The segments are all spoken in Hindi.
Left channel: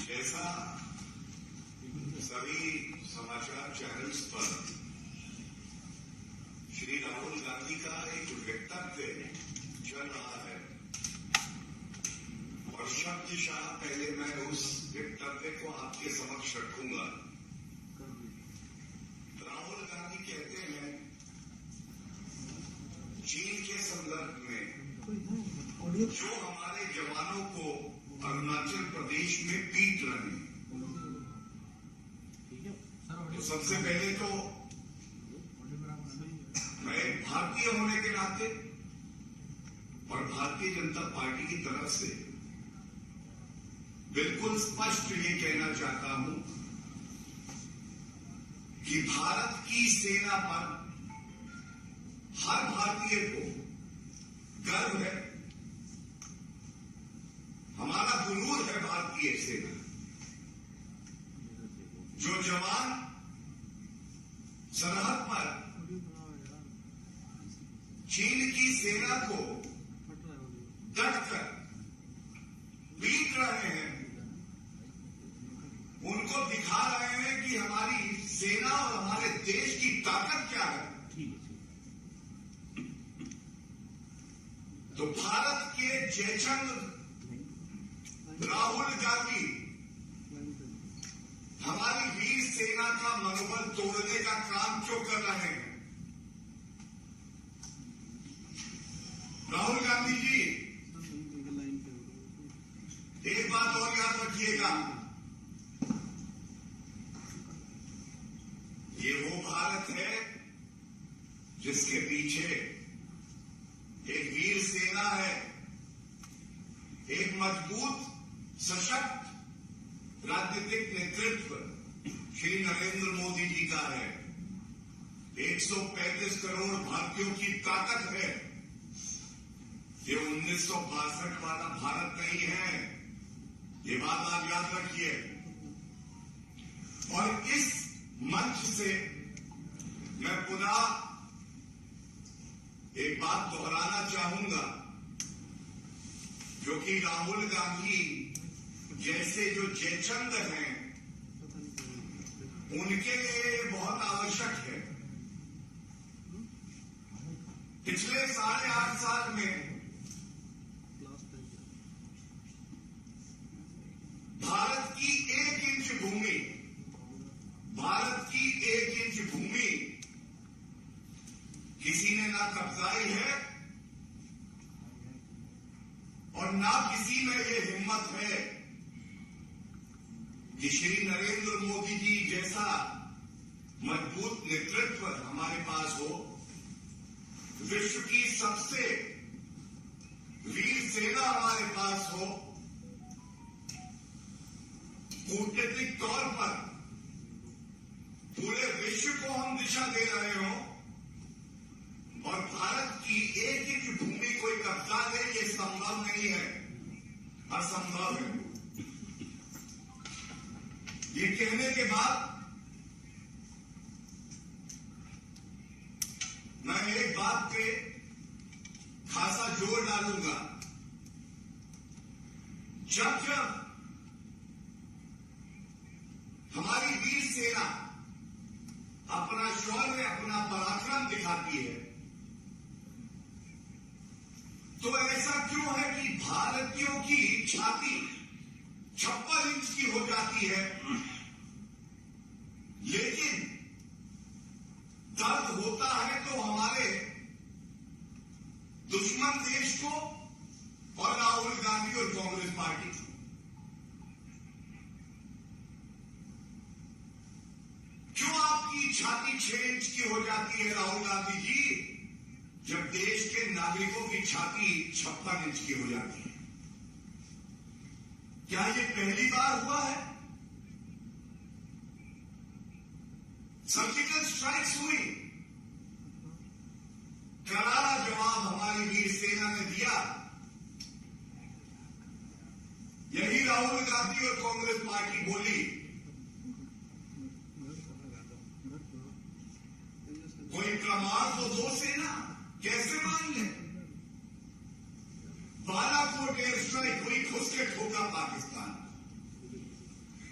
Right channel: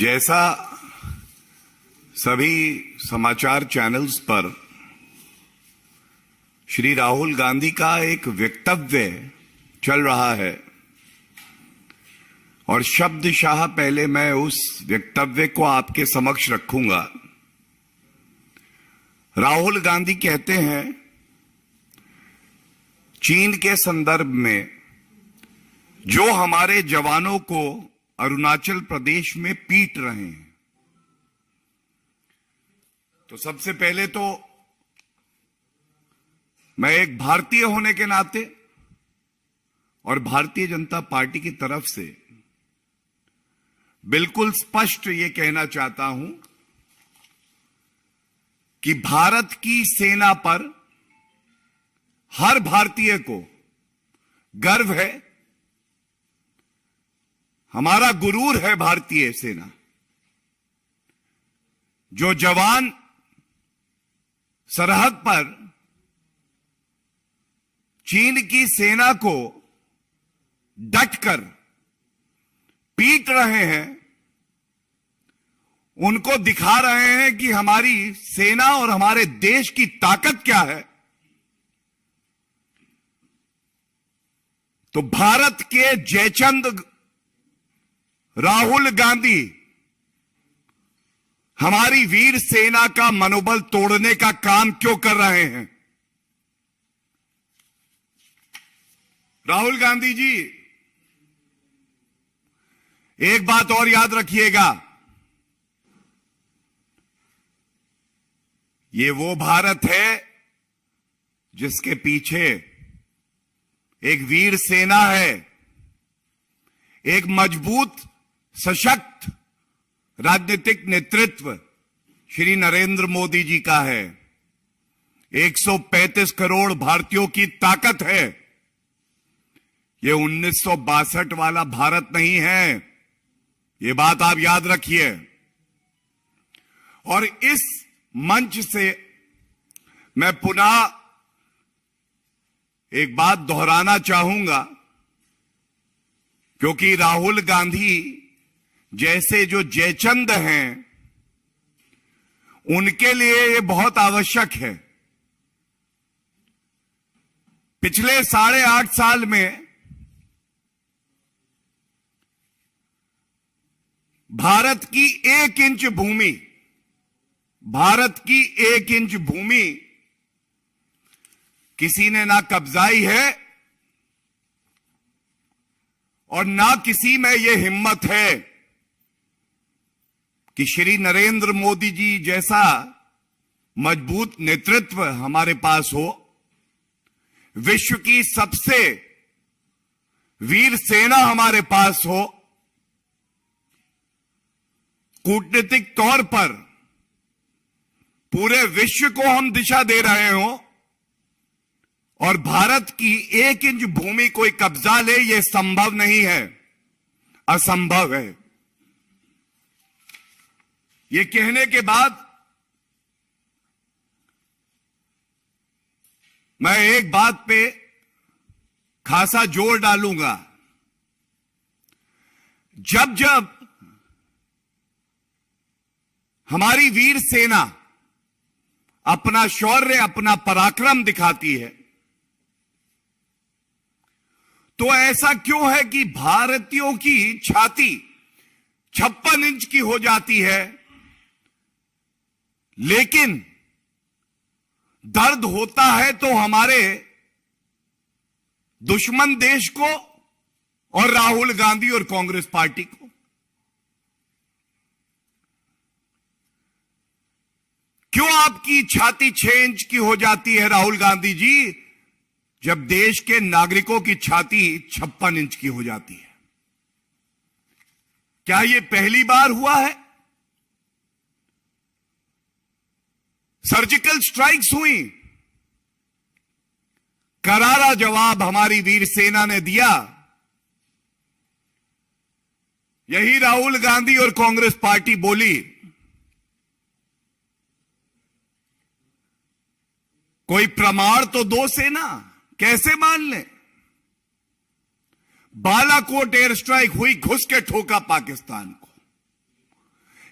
जैसा सभी समाचार चैनल्स पर श्री राहुल गांधी का एक वक्तव्य चल रहा है और शब्दशाह पहले मैं उस वक्तव्य को आपके समक्ष रखूंगा। राहुल गांधी कहते हैं चीन के संदर्भ में जो हमारे जवानों को अरुणाचल प्रदेश में पीट रहे हैं, तो सबसे पहले तो मैं एक भारतीय होने के नाते और भारतीय जनता पार्टी की तरफ से बिल्कुल स्पष्ट ये कहना चाहता हूं कि भारत की सेना पर हर भारतीय को गर्व है। हमारा गुरूर है भारतीय सेना। जो जवान सरहद पर चीन की सेना को डटकर पीट रहे हैं, उनको दिखा रहे हैं कि हमारी सेना और हमारे देश की ताकत क्या है। तो भारत के जयचंद राहुल गांधी हमारी वीर सेना का मनोबल तोड़ने का काम क्यों कर रहे हैं? राहुल गांधी जी, एक बात और याद रखिएगा, ये वो भारत है जिसके पीछे एक वीर सेना है, एक मजबूत सशक्त राजनीतिक नेतृत्व श्री नरेंद्र मोदी जी का है, 135 करोड़ भारतीयों की ताकत है। ये 1962 वाला भारत नहीं है, ये बात आप याद रखिए। और इस मंच से मैं पुनः एक बात दोहराना चाहूंगा, क्योंकि राहुल गांधी जैसे जो जयचंद हैं उनके लिए ये बहुत आवश्यक है। पिछले 8.5 साल में भारत की 1 इंच भूमि, भारत की 1 इंच भूमि किसी ने ना कब्जाई है और ना किसी में यह हिम्मत है कि श्री नरेंद्र मोदी जी जैसा मजबूत नेतृत्व हमारे पास हो, विश्व की सबसे वीर सेना हमारे पास हो, कूटनीतिक तौर पर पूरे विश्व को हम दिशा दे रहे हों और भारत की 1 इंच भूमि कोई कब्जा ले, यह संभव नहीं है, असंभव है। ये कहने के बाद मैं एक बात पे खासा जोर डालूंगा। जब जब हमारी वीर सेना अपना शौर्य, अपना पराक्रम दिखाती है, तो ऐसा क्यों है कि भारतीयों की छाती 56 इंच की हो जाती है, लेकिन दर्द होता है तो हमारे दुश्मन देश को और राहुल गांधी और कांग्रेस पार्टी को। क्यों आपकी छाती 6 इंच की हो जाती है राहुल गांधी जी, जब देश के नागरिकों की छाती 56 इंच की हो जाती है? क्या यह पहली बार हुआ है? सर्जिकल स्ट्राइक्स हुई, करारा जवाब हमारी वीर सेना ने दिया। यही राहुल गांधी और कांग्रेस पार्टी बोली, कोई प्रमाण तो दो सेना, कैसे मान लें? बालाकोट एयर स्ट्राइक हुई, घुस के ठोका पाकिस्तान को।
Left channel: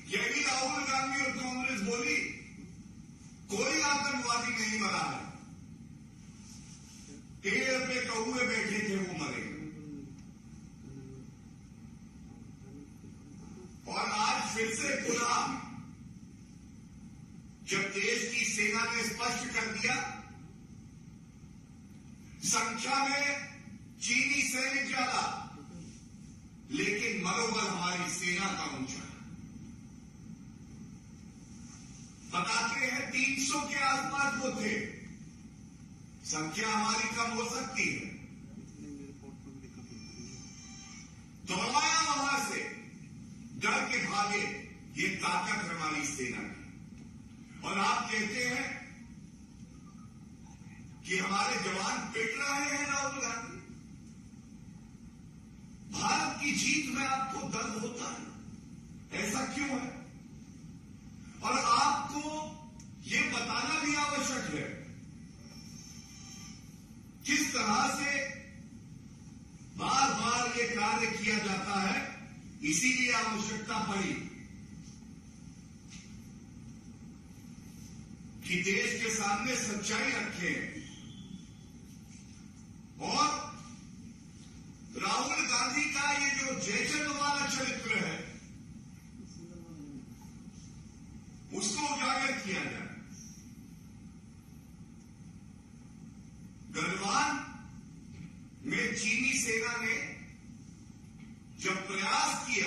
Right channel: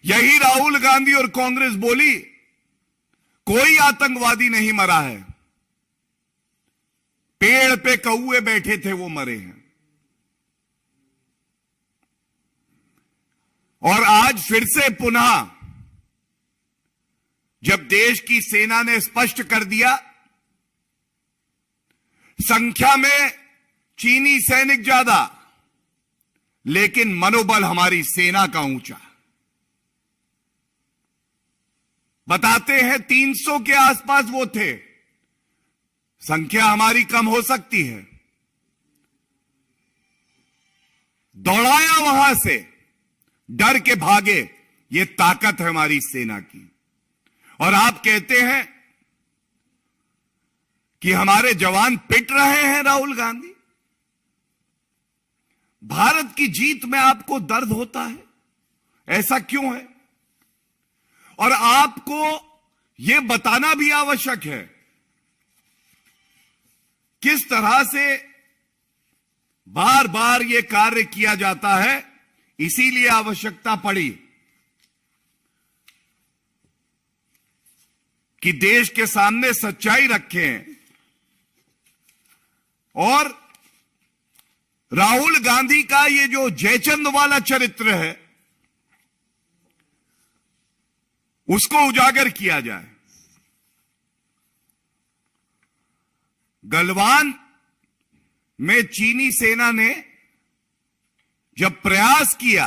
यही राहुल गांधी और कांग्रेस बोली कोई आतंकवादी नहीं मरा है, पेड़ पे कौए बैठे थे वो मरे हैं। और आज फिर से पुनः जब देश की सेना ने स्पष्ट कर दिया, संख्या में चीनी सैनिक ज्यादा लेकिन मनोबल हमारी सेना का ऊंचा, बताते हैं 300 के आसपास वो थे, संख्या हमारी कम हो सकती है। दौड़ाया वहां से, डर के भागे, ये ताकत है हमारी सेना की। और आप कहते हैं कि हमारे जवान पिट रहे हैं राहुल गांधी। भारत की जीत में आपको दर्द होता है, ऐसा क्यों है? और आपको यह बताना भी आवश्यक है किस तरह से बार बार यह कार्य किया जाता है। इसीलिए आवश्यकता पड़ी कि देश के सामने सच्चाई रखें और राहुल गांधी का ये जो जयचंद वाला चरित्र है उसको उजागर किया जाए। गलवान में चीनी सेना ने जब प्रयास किया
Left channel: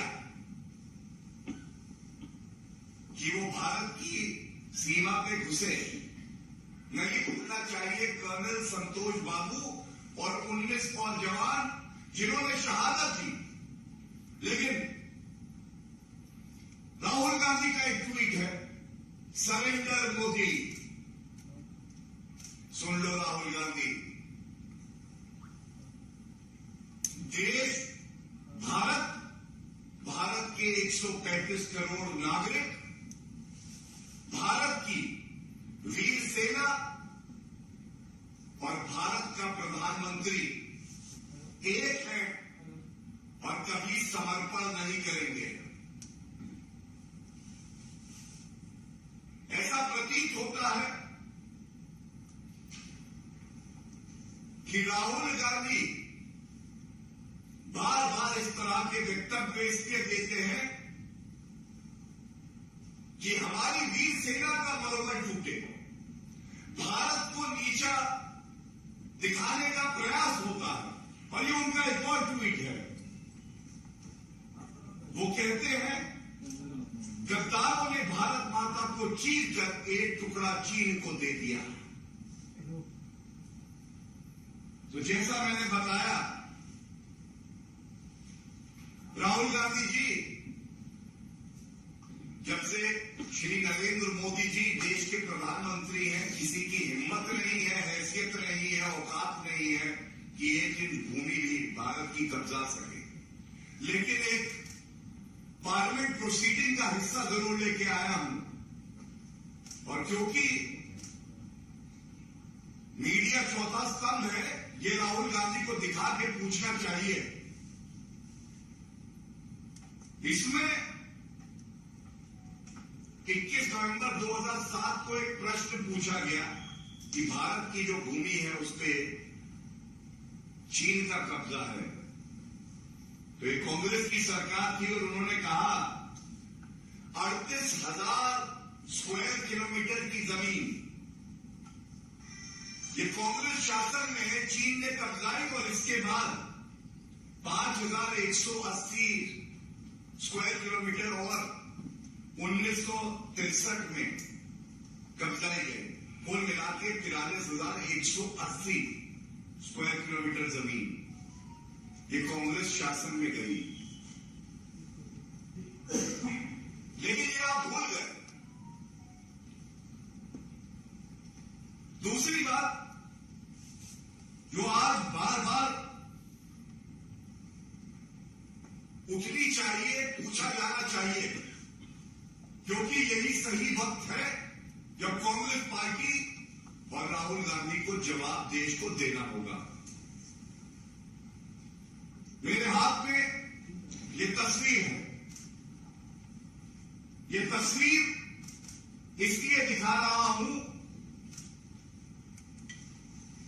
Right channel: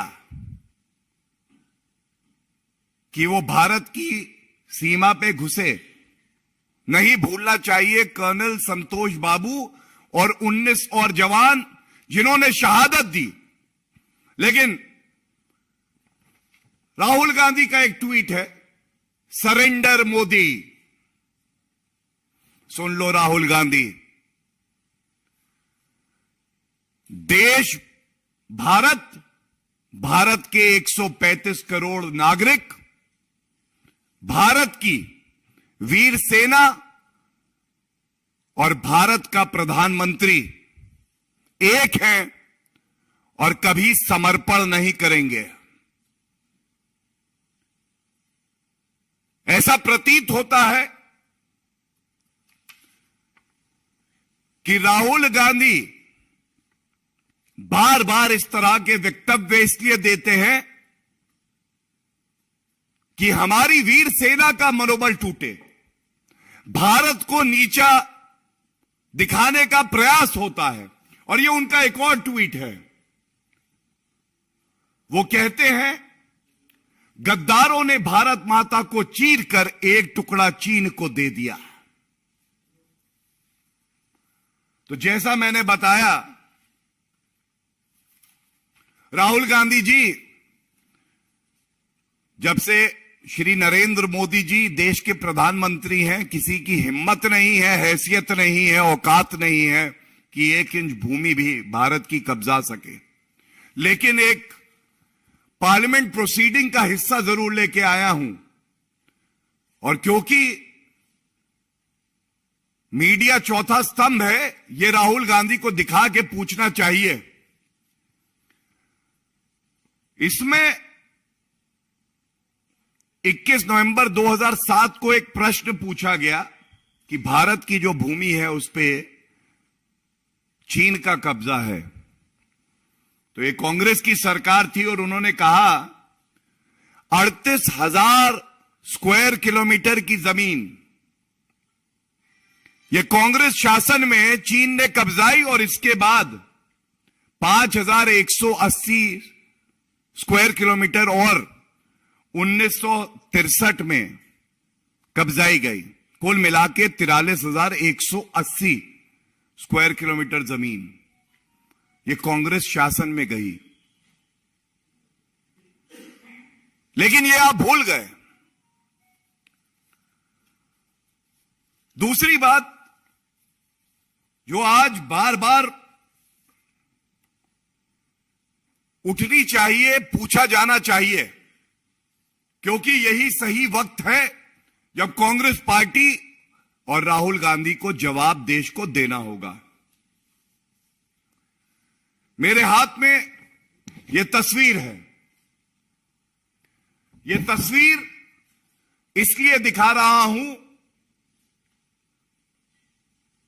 कि वो भारत की सीमा पे घुसे, नहीं भूलना चाहिए कर्नल संतोष बाबू और 19 और जवान जिन्होंने शहादत दी। लेकिन राहुल गांधी का एक ट्वीट है, सरेंडर मोदी। सुन लो राहुल गांधी, देश भारत के 135 करोड़ नागरिक, भारत की वीर सेना और भारत का प्रधानमंत्री एक हैं और कभी समर्पण नहीं करेंगे। ऐसा प्रतीत होता है कि राहुल गांधी बार बार इस तरह के वक्तव्य इसलिए देते हैं कि हमारी वीर सेना का मनोबल टूटे, भारत को नीचा दिखाने का प्रयास होता है। और ये उनका एक और ट्वीट है, वो कहते हैं गद्दारों ने भारत माता को चीरकर एक टुकड़ा चीन को दे दिया। तो जैसा मैंने बताया, राहुल गांधी जी जब से श्री नरेंद्र मोदी जी देश के प्रधानमंत्री हैं, किसी की हिम्मत नहीं है, हैसियत नहीं है, औकात नहीं है कि 1 इंच भूमि भी भारत की कब्जा सके। लेकिन एक पार्लियामेंट प्रोसीडिंग का हिस्सा जरूर लेके आया हूं, और क्योंकि मीडिया चौथा स्तंभ है, ये राहुल गांधी को दिखा के पूछना चाहिए। इसमें 21 नवंबर 2007 को एक प्रश्न पूछा गया कि भारत की जो भूमि है उस पे चीन का कब्जा है। तो ये कांग्रेस की सरकार थी और उन्होंने कहा 38,000 स्क्वायर किलोमीटर की जमीन ये कांग्रेस शासन में चीन ने कब्जाई, और इसके बाद 5,180 स्क्वायर किलोमीटर और 1963 में कब्जाई गई। कुल मिला के 43,180 स्क्वायर किलोमीटर जमीन ये कांग्रेस शासन में गई। लेकिन ये आप भूल गए। दूसरी बात जो आज बार बार उठनी चाहिए, पूछा जाना चाहिए, क्योंकि यही सही वक्त है जब कांग्रेस पार्टी और राहुल गांधी को जवाब देश को देना होगा। मेरे हाथ में यह तस्वीर है, ये तस्वीर इसलिए दिखा रहा हूं,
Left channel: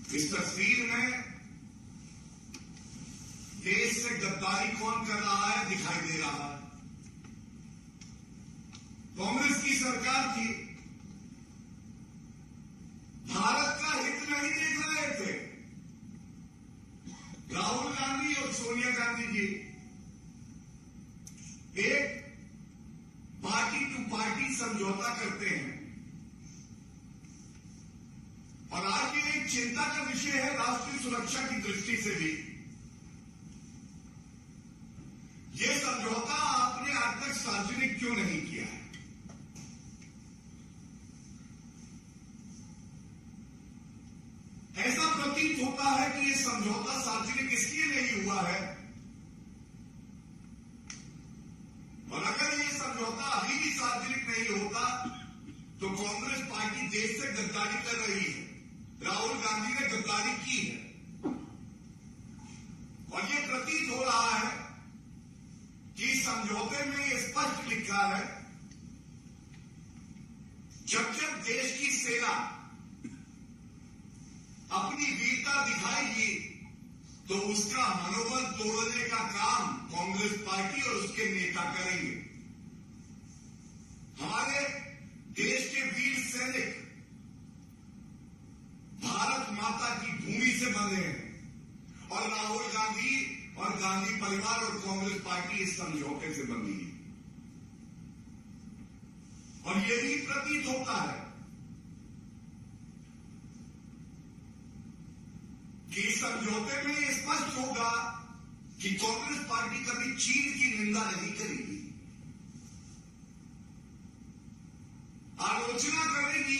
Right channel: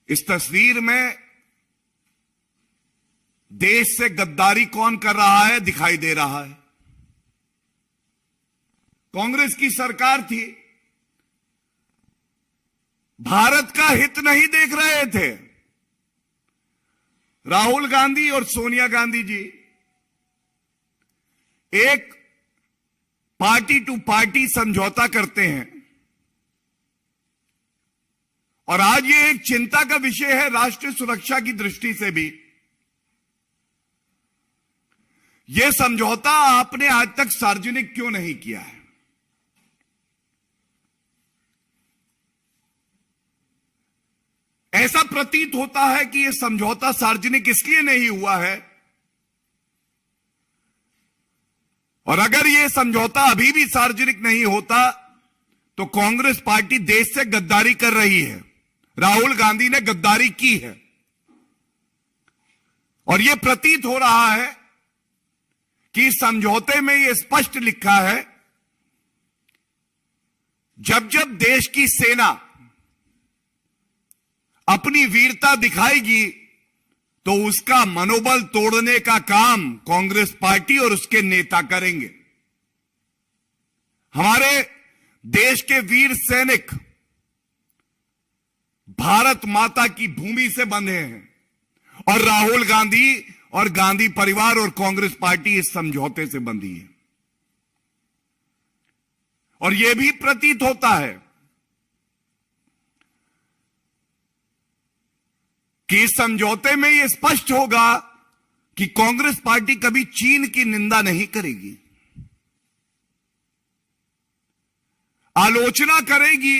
इस तस्वीर में देश से गद्दारी कौन कर रहा है दिखाई दे रहा है। कांग्रेस की सरकार थी, भारत का हित नहीं देख रहे थे। राहुल गांधी और सोनिया गांधी जी एक पार्टी टू पार्टी समझौता करते हैं, और आज ये एक चिंता का विषय है राष्ट्रीय सुरक्षा की दृष्टि से भी। यह समझौता आपने आज तक सार्वजनिक क्यों नहीं किया है? ऐसा प्रतीत होता है कि यह समझौता सार्वजनिक इसलिए नहीं हुआ है, और अगर यह समझौता अभी भी सार्वजनिक नहीं होता तो कांग्रेस पार्टी देश से गद्दारी कर रही है। राहुल गांधी ने गद्दारी की है, और यह प्रतीत हो रहा है कि समझौते में यह स्पष्ट लिखा है, जब जब देश की सेना अपनी वीरता दिखाएगी तो उसका मनोबल तोड़ने का काम कांग्रेस पार्टी और उसके नेता करेंगे। हमारे देश के वीर सैनिक भारत माता की भूमि से बंधे हैं, और राहुल गांधी और गांधी परिवार और कांग्रेस पार्टी इस समझौते से बंधी है। और यह भी प्रतीत होता है कि इस समझौते में यह स्पष्ट होगा कि कांग्रेस पार्टी कभी चीन की निंदा नहीं करेगी, आलोचना करेगी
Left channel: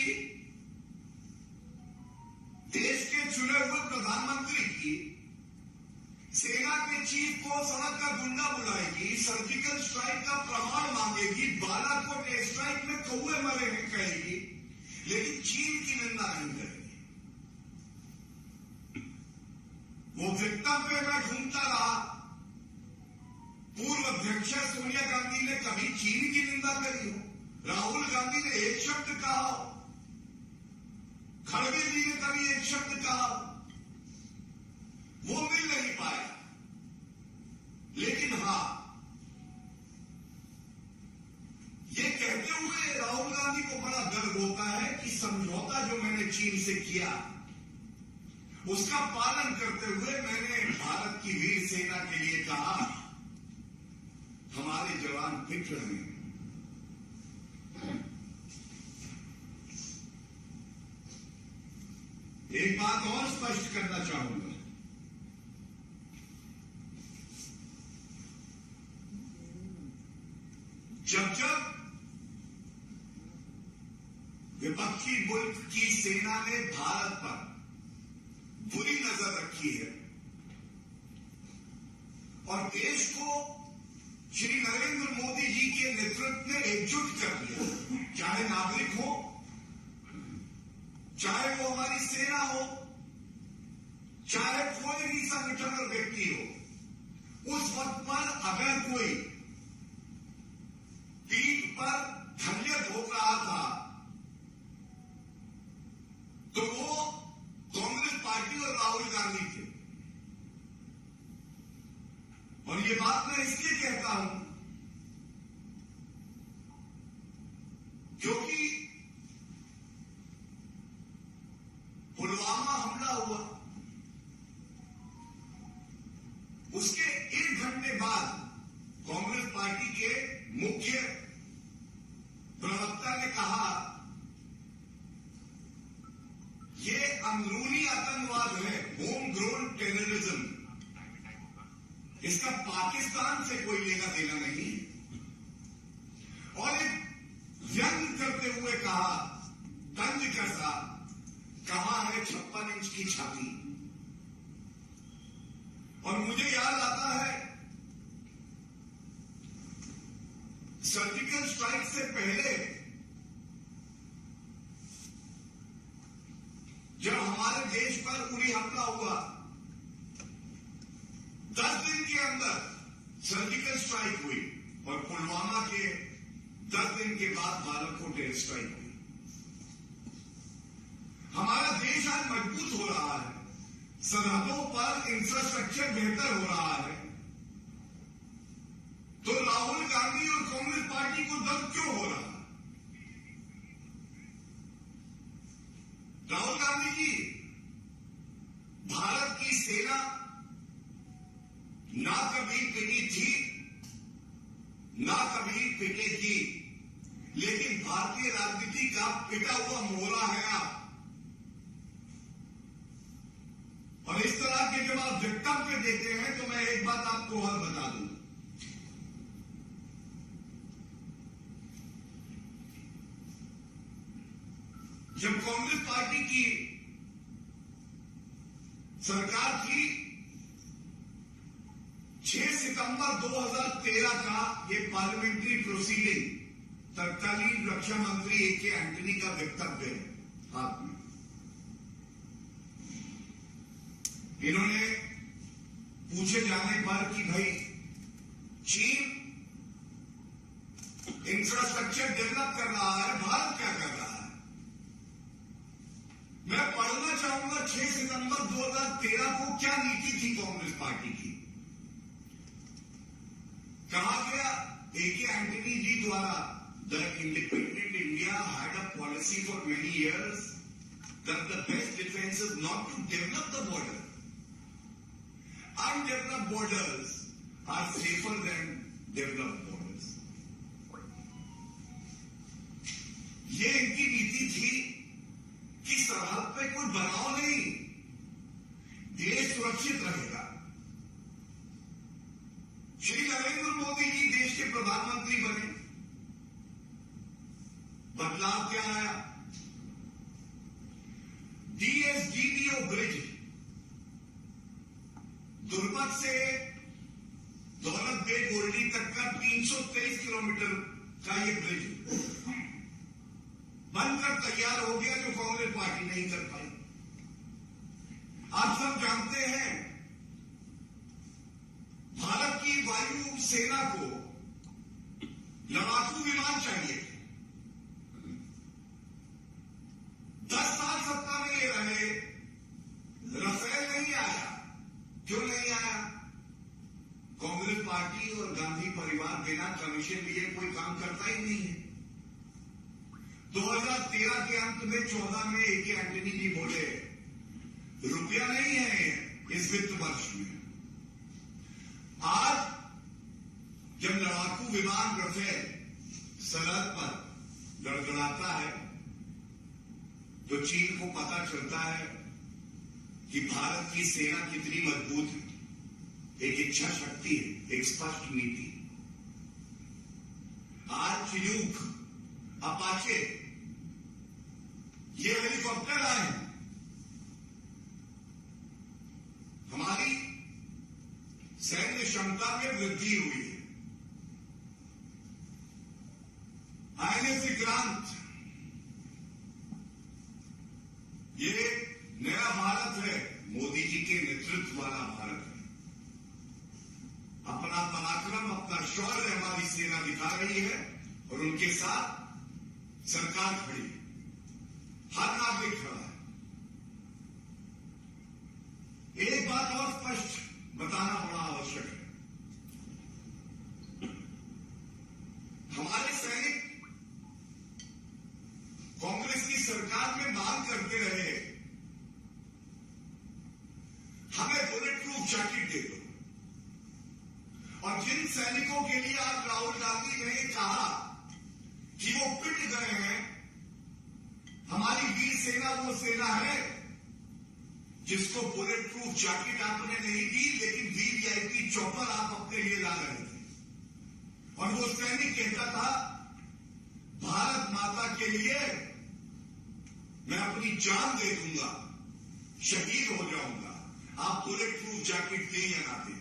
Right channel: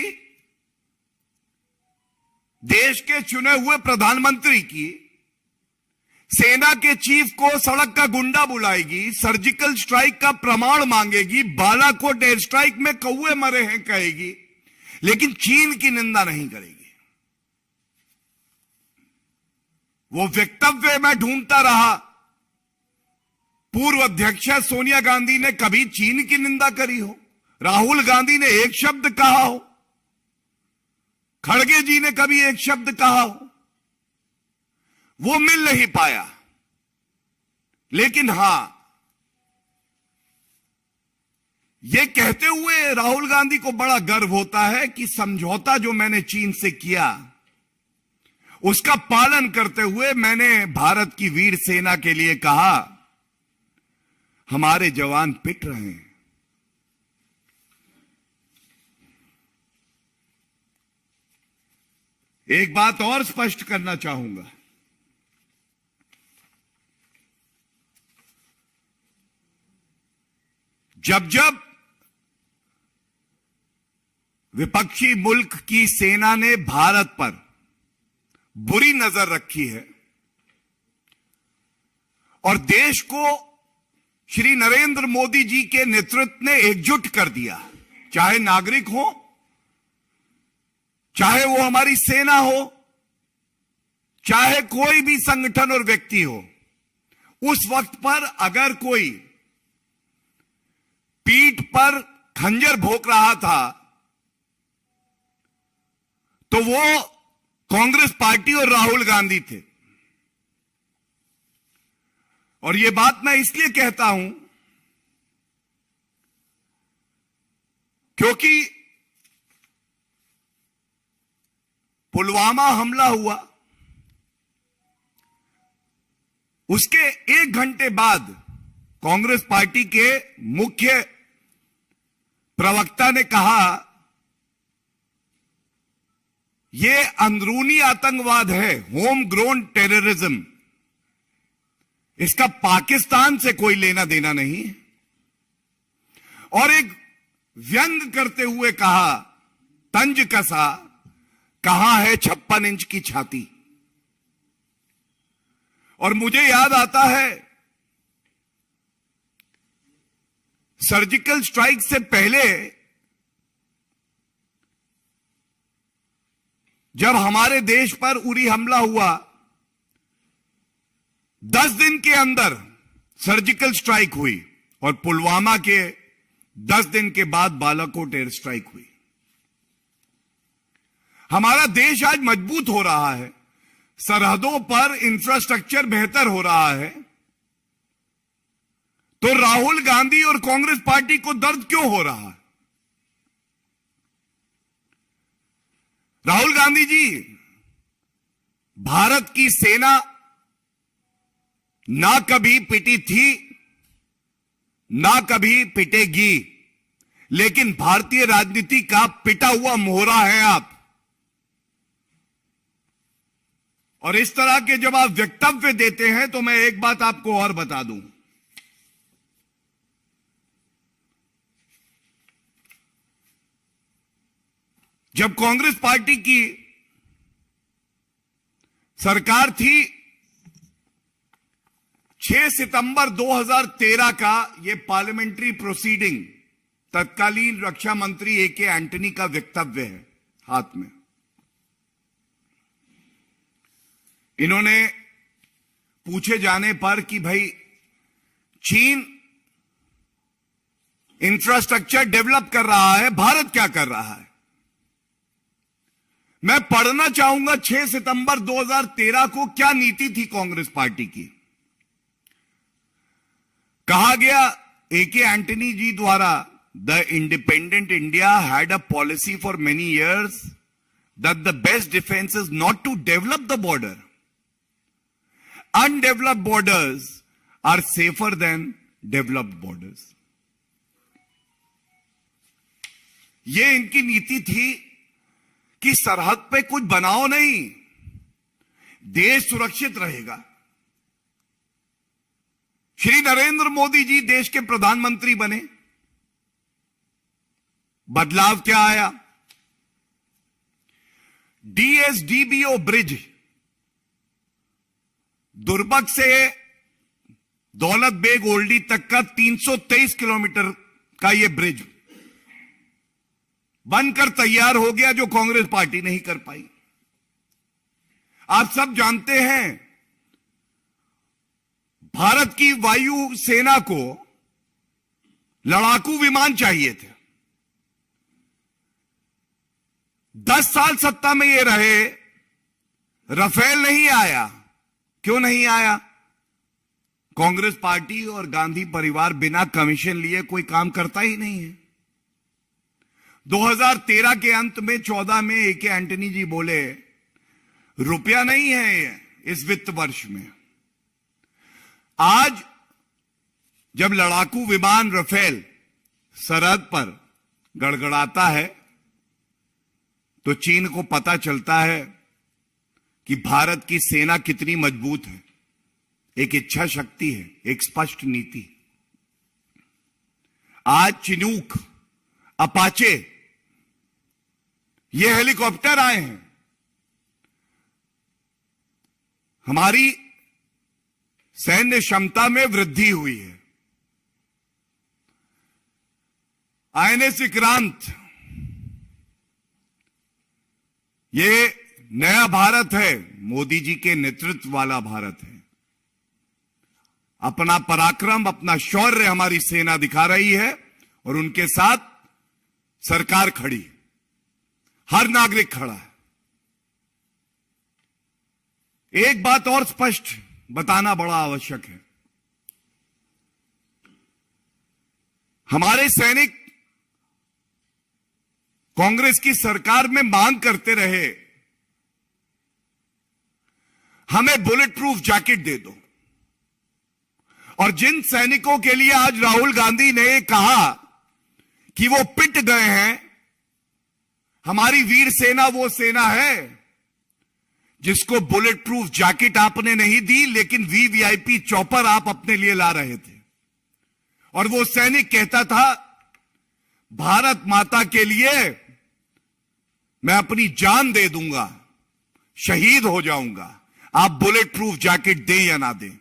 देश के चुने हुए प्रधानमंत्री की, सेना के चीफ को सड़क का गुंडा बुलाएगी, सर्जिकल स्ट्राइक का प्रमाण मांगेगी, बालाकोट एयर स्ट्राइक में कौवे मरे हैं कहेगी, लेकिन चीन की निंदा नहीं करेगी। वो वक्तव्य मैं ढूंढता रहा, पूर्व अध्यक्ष सोनिया गांधी ने कभी चीन की निंदा करी हो, राहुल गांधी ने एक शब्द कहा हो, खड़गे जी ने कभी एक शब्द कहा हो, वो मिल नहीं पाया। लेकिन हां, ये कहते हुए राहुल गांधी को बड़ा गर्व होता है कि समझौता जो मैंने चीन से किया उसका पालन करते हुए मैंने भारत की वीर सेना के लिए कहा हमारे जवान पिट रहे हैं। एक बात और स्पष्ट करना चाहूंगा, जब जब विपक्षी मुल्क की सेना ने भारत पर बुरी नजर रखी है और देश को श्री नरेंद्र मोदी जी के नेतृत्व ने एकजुट कर दिया, चाहे नागरिक हो, चाहे वो हमारी सेना हो, चाहे कोई भी संगठन और व्यक्ति हो, उस वक्त पर अगर कोई पीठ पर खंजर भोंक रहा था तो वो कांग्रेस पार्टी और राहुल गांधी थे। और यह बात मैं इसलिए कहता हूं क्योंकि पुलवामा हमला हुआ, उसके 1 घंटे बाद कांग्रेस पार्टी के मुख्य प्रवक्ता ने कहा यह अंदरूनी आतंकवाद है, होम ग्रोन टेररिज्म, इसका पाकिस्तान से कोई लेना देना नहीं। और एक व्यंग करते हुए कहा, तंज कसा, कहां है 56 इंच की छाती। और मुझे याद आता है सर्जिकल स्ट्राइक से पहले जब हमारे देश पर उरी हमला हुआ, 10 दिन के अंदर सर्जिकल स्ट्राइक हुई और पुलवामा के 10 दिन के बाद बालाकोट एयर स्ट्राइक हुई। हमारा देश आज मजबूत हो रहा है, सरहदों पर इंफ्रास्ट्रक्चर बेहतर हो रहा है, तो राहुल गांधी और कांग्रेस पार्टी को दर्द क्यों हो रहा है? राहुल गांधी जी, भारत की सेना ना कभी पिटी थी, ना कभी पिटेगी, लेकिन भारतीय राजनीति का पिटा हुआ मोहरा है आप। और इस तरह के जब आप वक्तव्य देते हैं तो मैं एक बात आपको और बता दूं, जब कांग्रेस पार्टी की सरकार थी, 6 सितंबर 2013 का यह पार्लियामेंट्री प्रोसीडिंग, तत्कालीन रक्षा मंत्री ए.के. एंटनी का वक्तव्य है हाथ में। इन्होंने पूछे जाने पर कि भाई चीन इंफ्रास्ट्रक्चर डेवलप कर रहा है, भारत क्या कर रहा है? मैं पढ़ना चाहूंगा 6 सितंबर 2013 को क्या नीति थी कांग्रेस पार्टी की। कहा गया ए.के. एंटनी जी द्वारा, the independent India had a policy for many years that the best defence is not to develop the border, undeveloped borders are safer than developed borders. ये इनकी नीति थी कि सरहद पे कुछ बनाओ नहीं, देश सुरक्षित रहेगा। श्री नरेंद्र मोदी जी देश के प्रधानमंत्री बने, बदलाव क्या आया? डीएसडीबीओ ब्रिज, दुर्बक से दौलत बेग ओल्डी तक का 323 किलोमीटर का यह ब्रिज बनकर तैयार हो गया, जो कांग्रेस पार्टी नहीं कर पाई। आप सब जानते हैं, भारत की वायु सेना को लड़ाकू विमान चाहिए थे। 10 साल सत्ता में ये रहे, राफेल नहीं आया। क्यों नहीं आया? कांग्रेस पार्टी और गांधी परिवार बिना कमीशन लिए कोई काम करता ही नहीं है। 2013 के अंत में 14 में ए.के. एंटनी जी बोले, रुपया नहीं है इस वित्त वर्ष में। आज जब लड़ाकू विमान राफेल सरहद पर गड़गड़ाता है तो चीन को पता चलता है कि भारत की सेना कितनी मजबूत है। एक इच्छा शक्ति है, एक स्पष्ट नीति। आज चिनूक, अपाचे, ये हेलीकॉप्टर आए हैं। हमारी सैन्य क्षमता में वृद्धि हुई है। आईएनएस विक्रांत, ये नया भारत है, मोदी जी के नेतृत्व वाला भारत है। अपना पराक्रम, अपना शौर्य हमारी सेना दिखा रही है और उनके साथ सरकार खड़ी, हर नागरिक खड़ा है। एक बात और स्पष्ट बताना बड़ा आवश्यक है। हमारे सैनिक कांग्रेस की सरकार में मांग करते रहे, हमें बुलेट प्रूफ जैकेट दे दो। और जिन सैनिकों के लिए आज राहुल गांधी ने कहा कि वो पिट गए हैं, हमारी वीर सेना वो सेना है जिसको बुलेट प्रूफ जैकेट आपने नहीं दी, लेकिन वीवीआईपी चॉपर आप अपने लिए ला रहे थे। और वो सैनिक कहता था, भारत माता के लिए मैं अपनी जान दे दूंगा, शहीद हो जाऊंगा, आप बुलेट प्रूफ जैकेट दें या ना दें।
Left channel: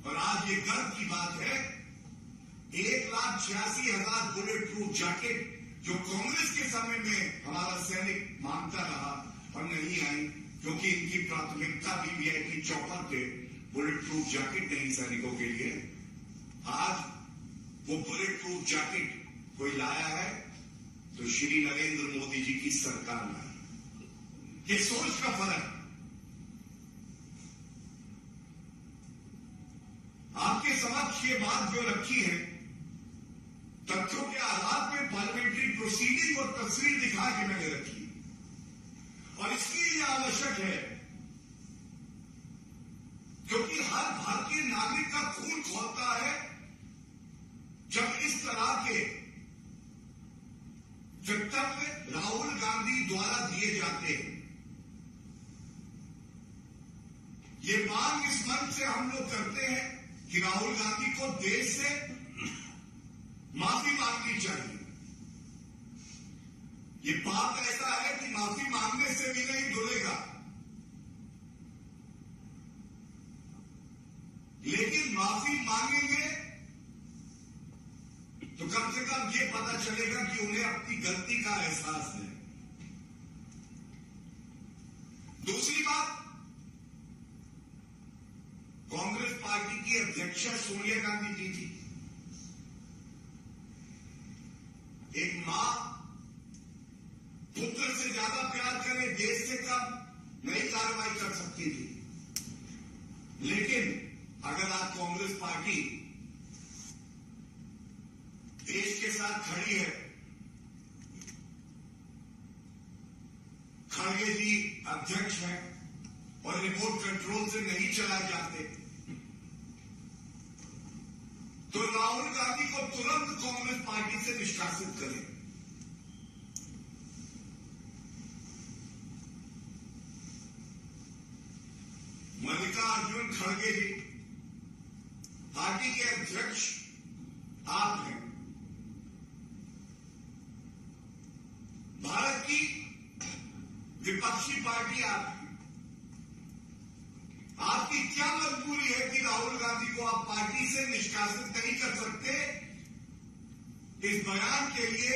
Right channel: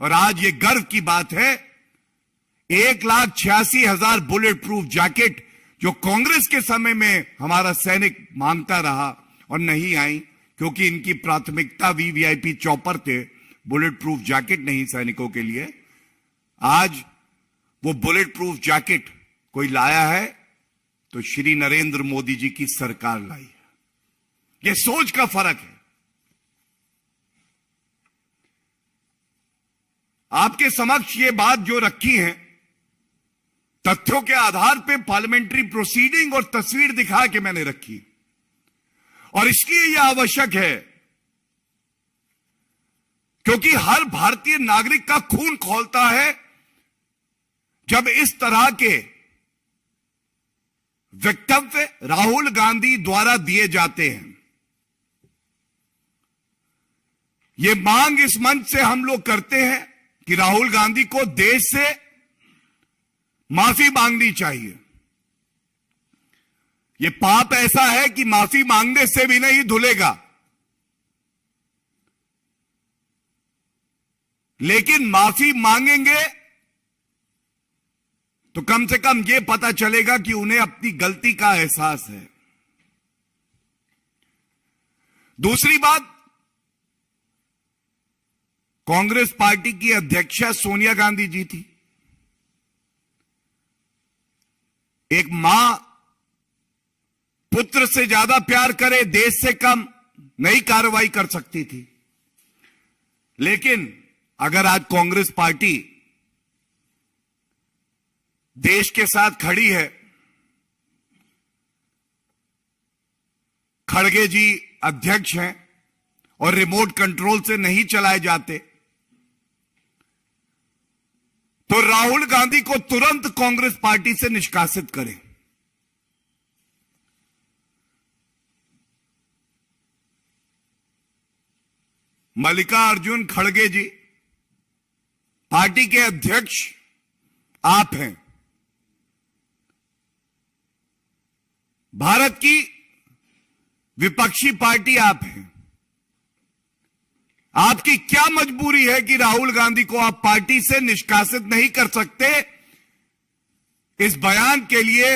और आज ये गर्व की बात है, 1,86,000 बुलेट प्रूफ जैकेट जो कांग्रेस के समय में हमारा सैनिक मांगता रहा और नहीं आई, क्योंकि इनकी प्राथमिकता वीवीआईपी चॉपर थे, बुलेट प्रूफ जैकेट नहीं सैनिकों के लिए। आज वो बुलेट प्रूफ जैकेट कोई लाया है तो श्री नरेंद्र मोदी जी की सरकार लाई है। यह सोच का फर्क है। आपके समक्ष ये बात जो रखी है, तथ्यों के आधार पे पार्लियामेंट्री प्रोसीडिंग और तस्वीर दिखा के मैंने रखी, और इसलिए यह आवश्यक है क्योंकि हर भारतीय नागरिक का खून खौलता है जब इस तरह के वक्तव्य राहुल गांधी द्वारा दिए जाते हैं। यह मांग इस मंच से हम लोग करते हैं कि राहुल गांधी को देश से माफी मांगनी चाहिए। यह पाप ऐसा है कि माफी मांगने से भी नहीं धुलेगा, लेकिन माफी मांगेंगे तो कम से कम यह पता चलेगा कि उन्हें अपनी गलती का एहसास है। दूसरी बात, कांग्रेस पार्टी की अध्यक्षा सोनिया गांधी जी थी। एक मां पुत्र से ज्यादा प्यार करे, देश से कम नहीं कार्रवाई कर सकती थी। लेकिन अगर आज कांग्रेस पार्टी देश के साथ खड़ी है, खड़गे जी अध्यक्ष हैं और रिमोट कंट्रोल से नहीं चलाए जाते, तो राहुल गांधी को तुरंत कांग्रेस पार्टी से निष्कासित करें। मल्लिकार्जुन खड़गे जी पार्टी के अध्यक्ष आप हैं। भारत की विपक्षी पार्टी आप हैं। आपकी क्या मजबूरी है कि राहुल गांधी को आप पार्टी से निष्कासित नहीं कर सकते? इस बयान के लिए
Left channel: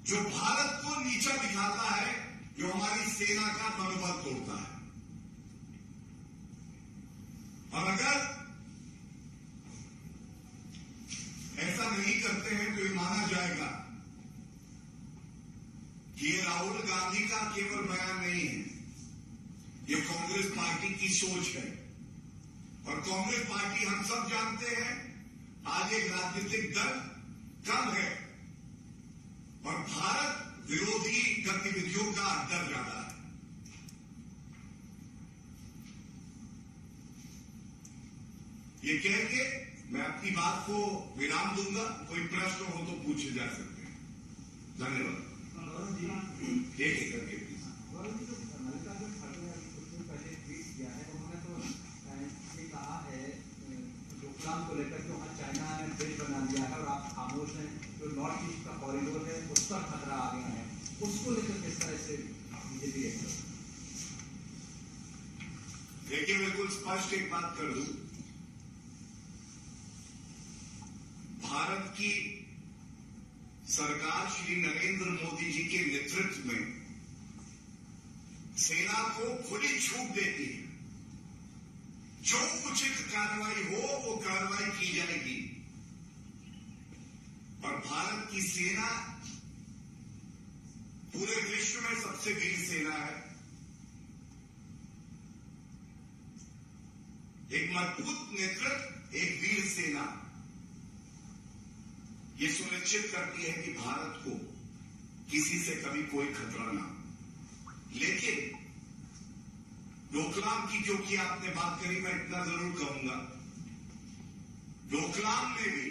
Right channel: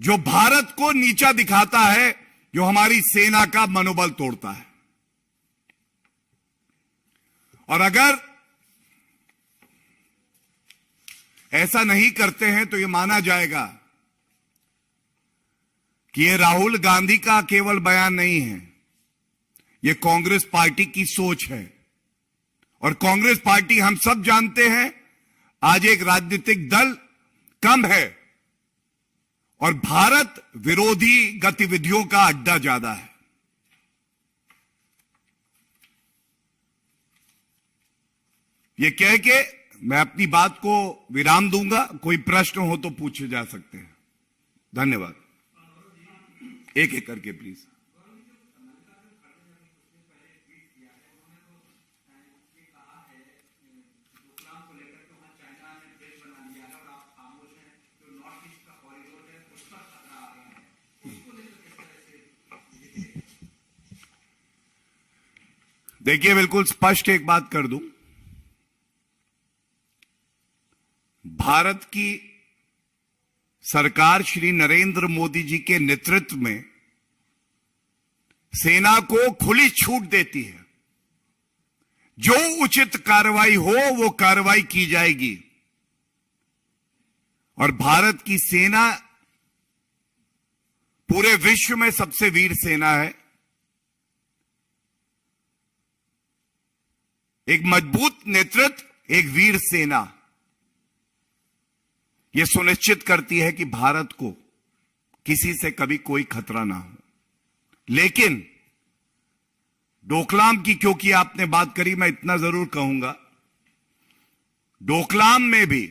जो भारत को नीचा दिखाता है, जो हमारी सेना का मनोबल तोड़ता है। और अगर ऐसा नहीं करते हैं तो यह माना जाएगा कि यह राहुल गांधी का केवल बयान नहीं है, यह कांग्रेस पार्टी की सोच है। और कांग्रेस पार्टी, हम सब जानते हैं, आज एक राजनीतिक दल कम है और भारत विरोधी गतिविधियों का अड्डा ज्यादा है। ये कह के मैं अपनी बात को विराम दूंगा। कोई प्रश्न हो तो पूछे जा सकते हैं। धन्यवाद। एक एक करके प्लीज। देखिए, बिल्कुल स्पष्ट एक बात कर दूं, भारत की सरकार श्री नरेंद्र मोदी जी के नेतृत्व में सेना को खुली छूट देती है। जो उचित कार्रवाई हो वो कार्रवाई की जाएगी। और भारत की सेना पूरे विश्व में सबसे वीर सेना है। एक मजबूत नेतृत्व, एक वीर सेना, यह सुनिश्चित करती है कि भारत को किसी से कभी कोई खतरा ना हो। लेकिन डोकलाम की क्योंकि आपने बात करी, मैं इतना जरूर कहूंगा, डोकलाम में भी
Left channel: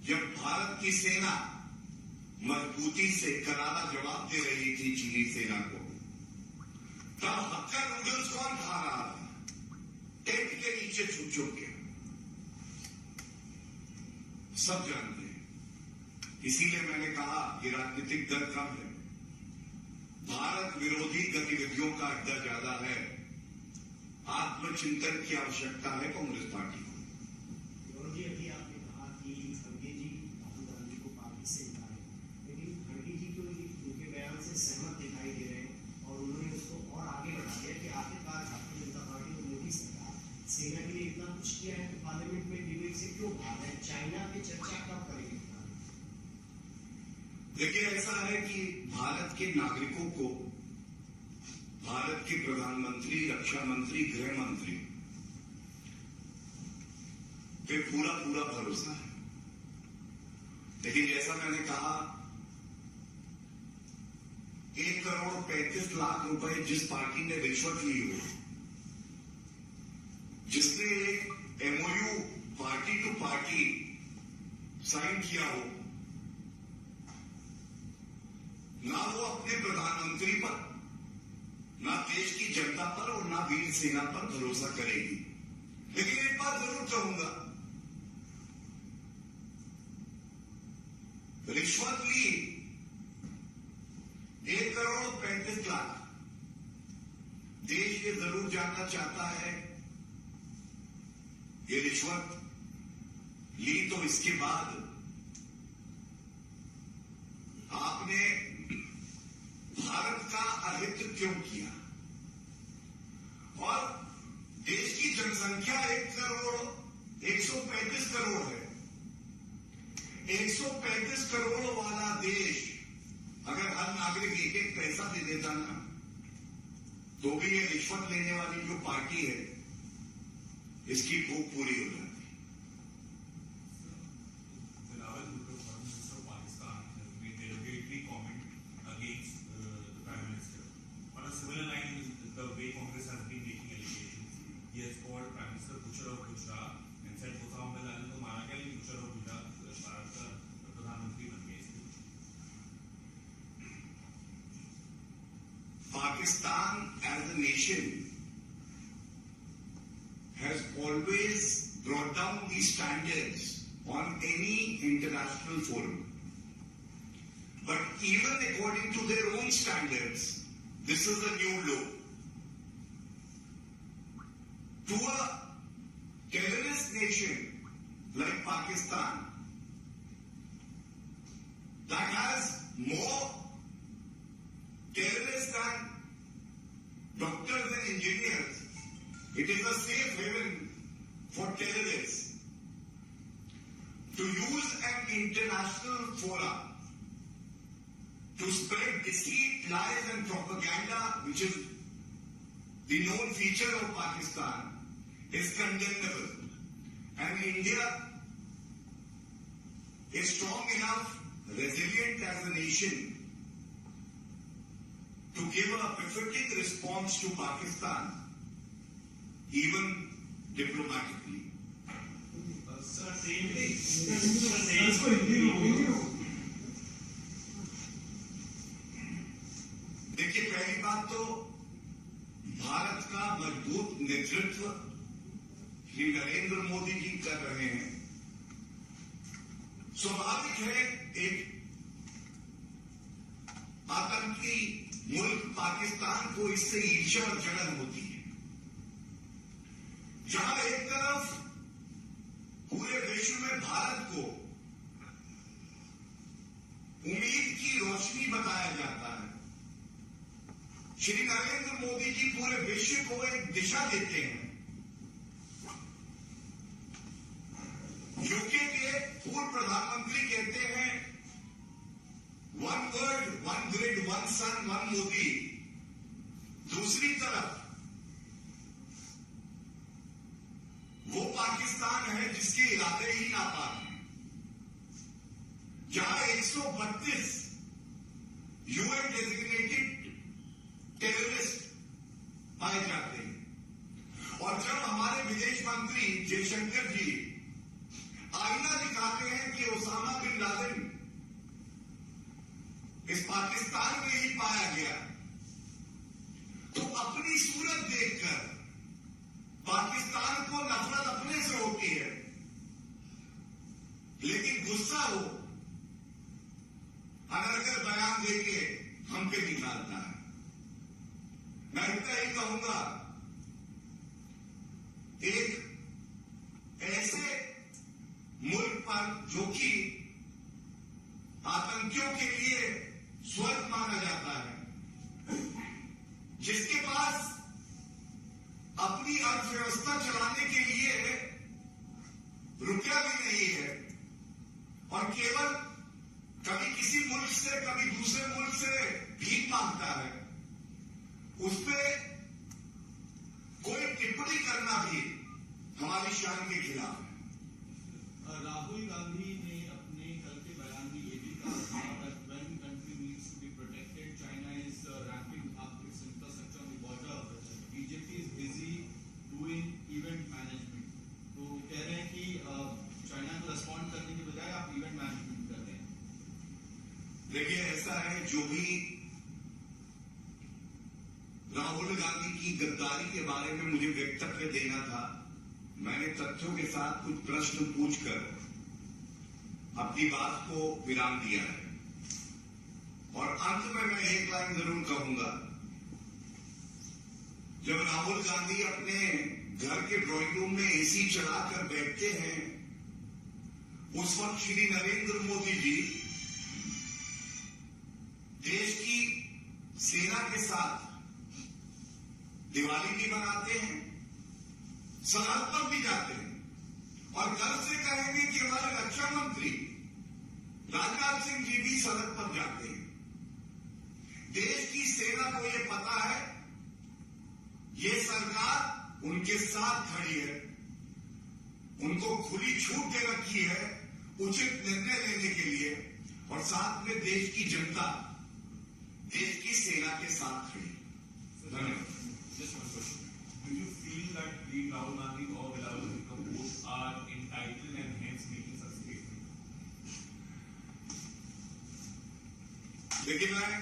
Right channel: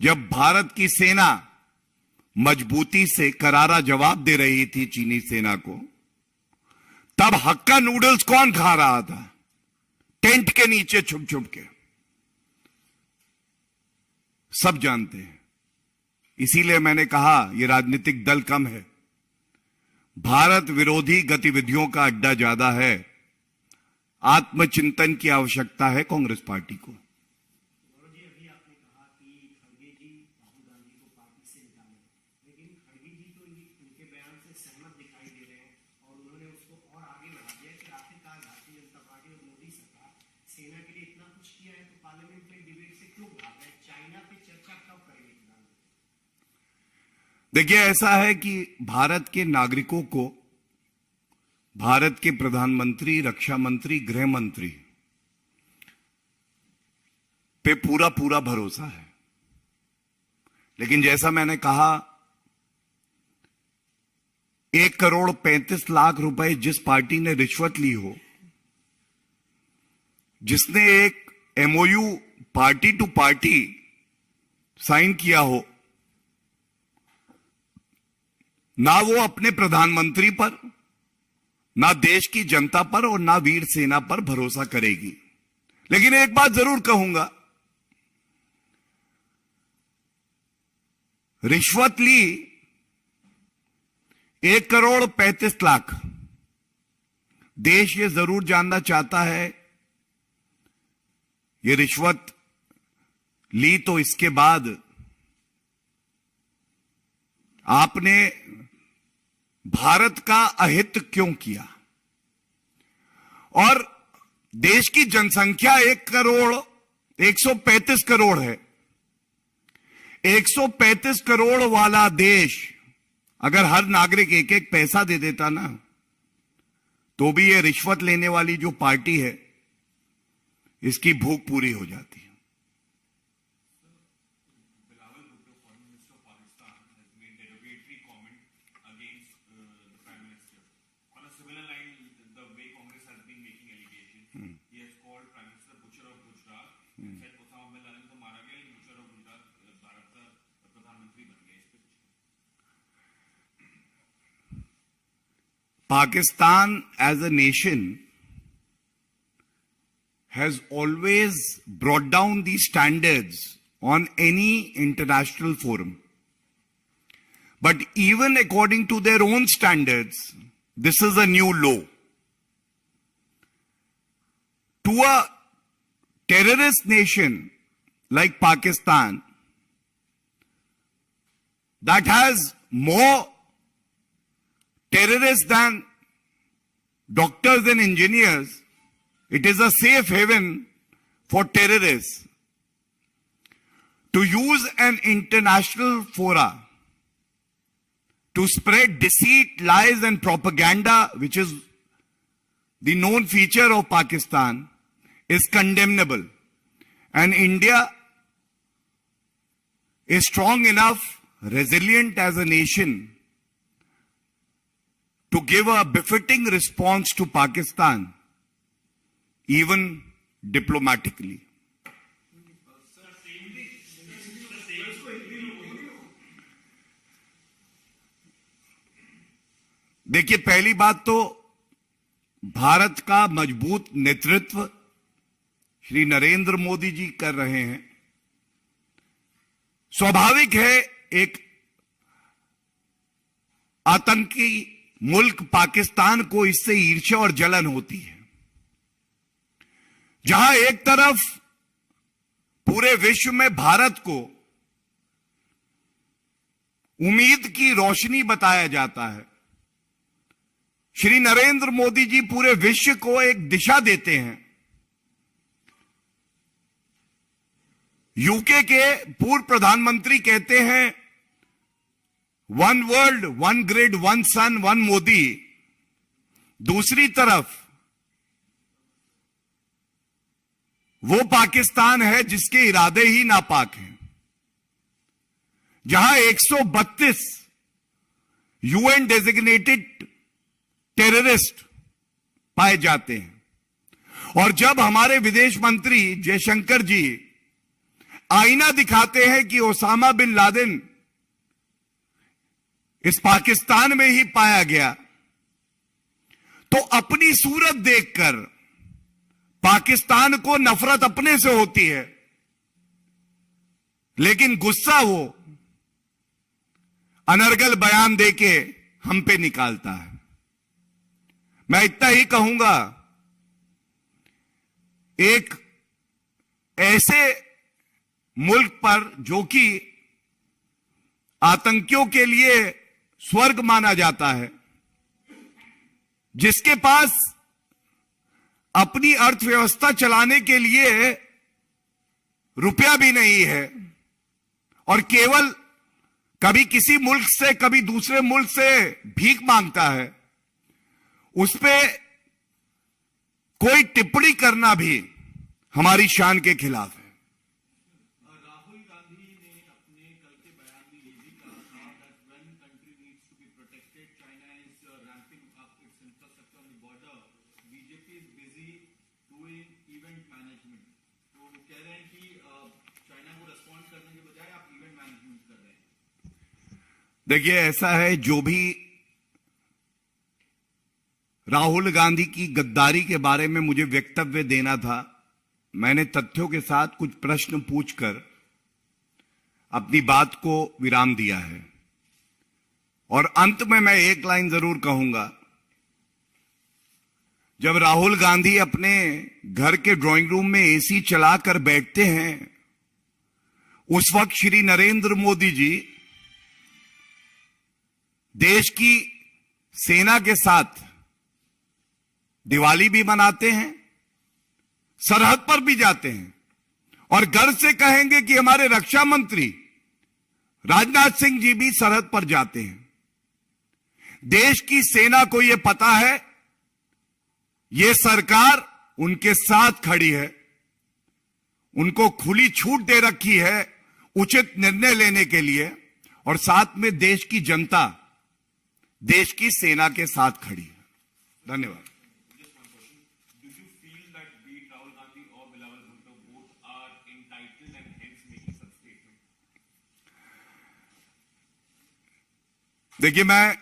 जब भारत की सेना मजबूती से करारा जवाब दे रही थी चीनी सेना को, तब हक्का नूडल्स कौन खा रहा था? टेंट के नीचे छुप छुप के। सब जानते हैं। इसीलिए मैंने कहा यह राजनीतिक दल कम है, भारत विरोधी गतिविधियों का अड्डा ज्यादा है। आत्मचिंतन की आवश्यकता है कांग्रेस पार्टी को। देखिए, ऐसा है कि भारत के नागरिकों को भारत के प्रधानमंत्री, रक्षा मंत्री, गृह मंत्री पे पूरा पूरा भरोसा है। लेकिन जैसा मैंने कहा, 1,35,00,000 रुपए जिस पार्टी ने रिश्वत ली हो, जिसने एक MOU party to party sign किया हो, ना वो अपने प्रधानमंत्री पर, ना देश की जनता पर और ना वीर सेना पर भरोसा करेगी। लेकिन एक बात जरूर कहूंगा, रिश्वत ली 1,35,00,000। देश ये जरूर जानना चाहता है, ये रिश्वत ली तो इसके बाद आपने भारत का अहित क्यों किया? और देश की जनसंख्या 1,135 करोड़ है। 135 करोड़ वाला देश अगर हर नागरिक एक एक पैसा दे देता ना, तो भी ये रिश्वत लेने वाली जो पार्टी है, इसकी भूख पूरी हो जाती। Pakistan as a nation has always brought down these standards on any international forum. But even according to their own standards, this is a new low. To a terrorist nation like Pakistan that has more terrorists than doctors and engineers, it is a safe haven for terrorists to use an international fora to spread deceit, lies and propaganda, which is the known feature of Pakistan, is condemnable. And India is strong enough, resilient as a nation, to give a befitting response to Pakistan, even diplomatically. देखिए, पहली बात तो भारत का मजबूत नेतृत्व श्री नरेंद्र मोदी जी कर रहे हैं। स्वाभाविक है, एक आतंकी मुल्क पाकिस्तान को इससे ईर्ष्या और जलन होती है। जहां एक तरफ पूरे विश्व में भारत को उम्मीद की रोशनी बताया जाता है, श्री नरेंद्र मोदी जी पूरे विश्व को एक दिशा देते हैं। यूके के पूर्व प्रधानमंत्री कहते हैं, one world, one grid, one sun, one Modi. दूसरी तरफ वो पाकिस्तान है जिसके इरादे ही नापाक हैं, जहां 132 UN डेजिग्नेटेड टेररिस्ट पाए जाते हैं। और जब हमारे विदेश मंत्री जयशंकर जी आईना दिखाते हैं कि ओसामा बिन लादेन इस पाकिस्तान में ही पाया गया, तो अपनी सूरत देखकर पाकिस्तान को नफरत अपने से होती है, लेकिन गुस्सा वो अनर्गल बयान देके हम पे निकालता है। मैं इतना ही कहूंगा, एक ऐसे मुल्क पर जो कि आतंकियों के लिए स्वर्ग माना जाता है, जिसके पास अपनी अर्थव्यवस्था चलाने के लिए रुपया भी नहीं है और केवल कभी किसी मुल्क से कभी दूसरे मुल्क से भीख मांगता है, उस पे कोई टिप्पणी करना भी हमारी शान के खिलाफ है। राहुल गांधी ने अपने कल के बयान में ये भी कहा था that when country needs to be protected, China is ramping up its infrastructure on the border. BJP is busy doing event management. तो कह रहे हैं कि चाइना को रिस्पॉन्ड करने की बजाय आप इवेंट मैनेजमेंट कर रहे हैं। देखिए, ऐसा है, जो भी राहुल गांधी की गद्दारी के बारे में मुझे वक्तव्य देना था, मैंने तथ्यों के साथ कुछ प्रश्न पूछकर अपनी बात को विराम दिया है। और अंत में मैं एक लाइन जरूर कहूंगा, जब राहुल गांधी अपने घर के ड्राइंग रूम में एसी चलाकर बैठते हैं, उस वक्त श्री नरेंद्र मोदी जी देश की सेना के साथ दिवाली भी मनाते हैं, सरहद पर भी जाते हैं और गर्व से कहेंगे कि हमारे रक्षा मंत्री राजनाथ सिंह जी भी सरहद पर जाते हैं। देश की सेना को यह पता है, यह सरकार उनके साथ खड़ी है, उनको खुली छूट दे रखी है उचित निर्णय लेने के लिए, और साथ में देश की जनता देश की सेना के साथ खड़ी है। धन्यवाद। देखिए, मैं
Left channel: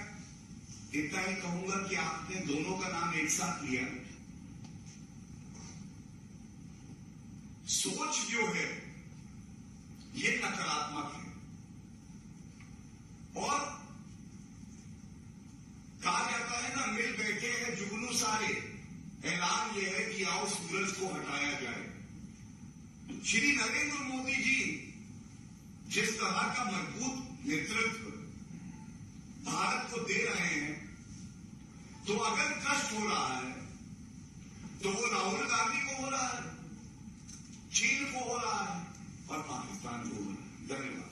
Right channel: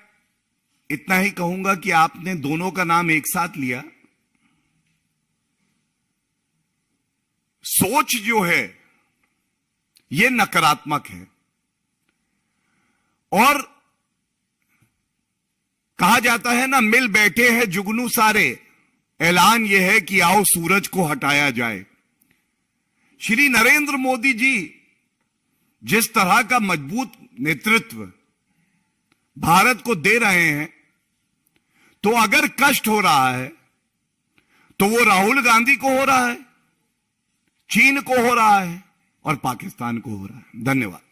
इतना ही कहूंगा कि आपने दोनों का नाम एक साथ लिया। सोच जो है यह नकारात्मक है, और कहा जाता है ना, मिल बैठे हैं जुगनू सारे, ऐलान यह है कि आओ सूरज को हटाया जाए। श्री नरेंद्र मोदी जी जिस तरह का मजबूत नेतृत्व भारत को दे रहे हैं, तो अगर कष्ट हो रहा है तो वो राहुल गांधी को हो रहा है, चीन को हो रहा है और पाकिस्तान को हो रहा है। धन्यवाद।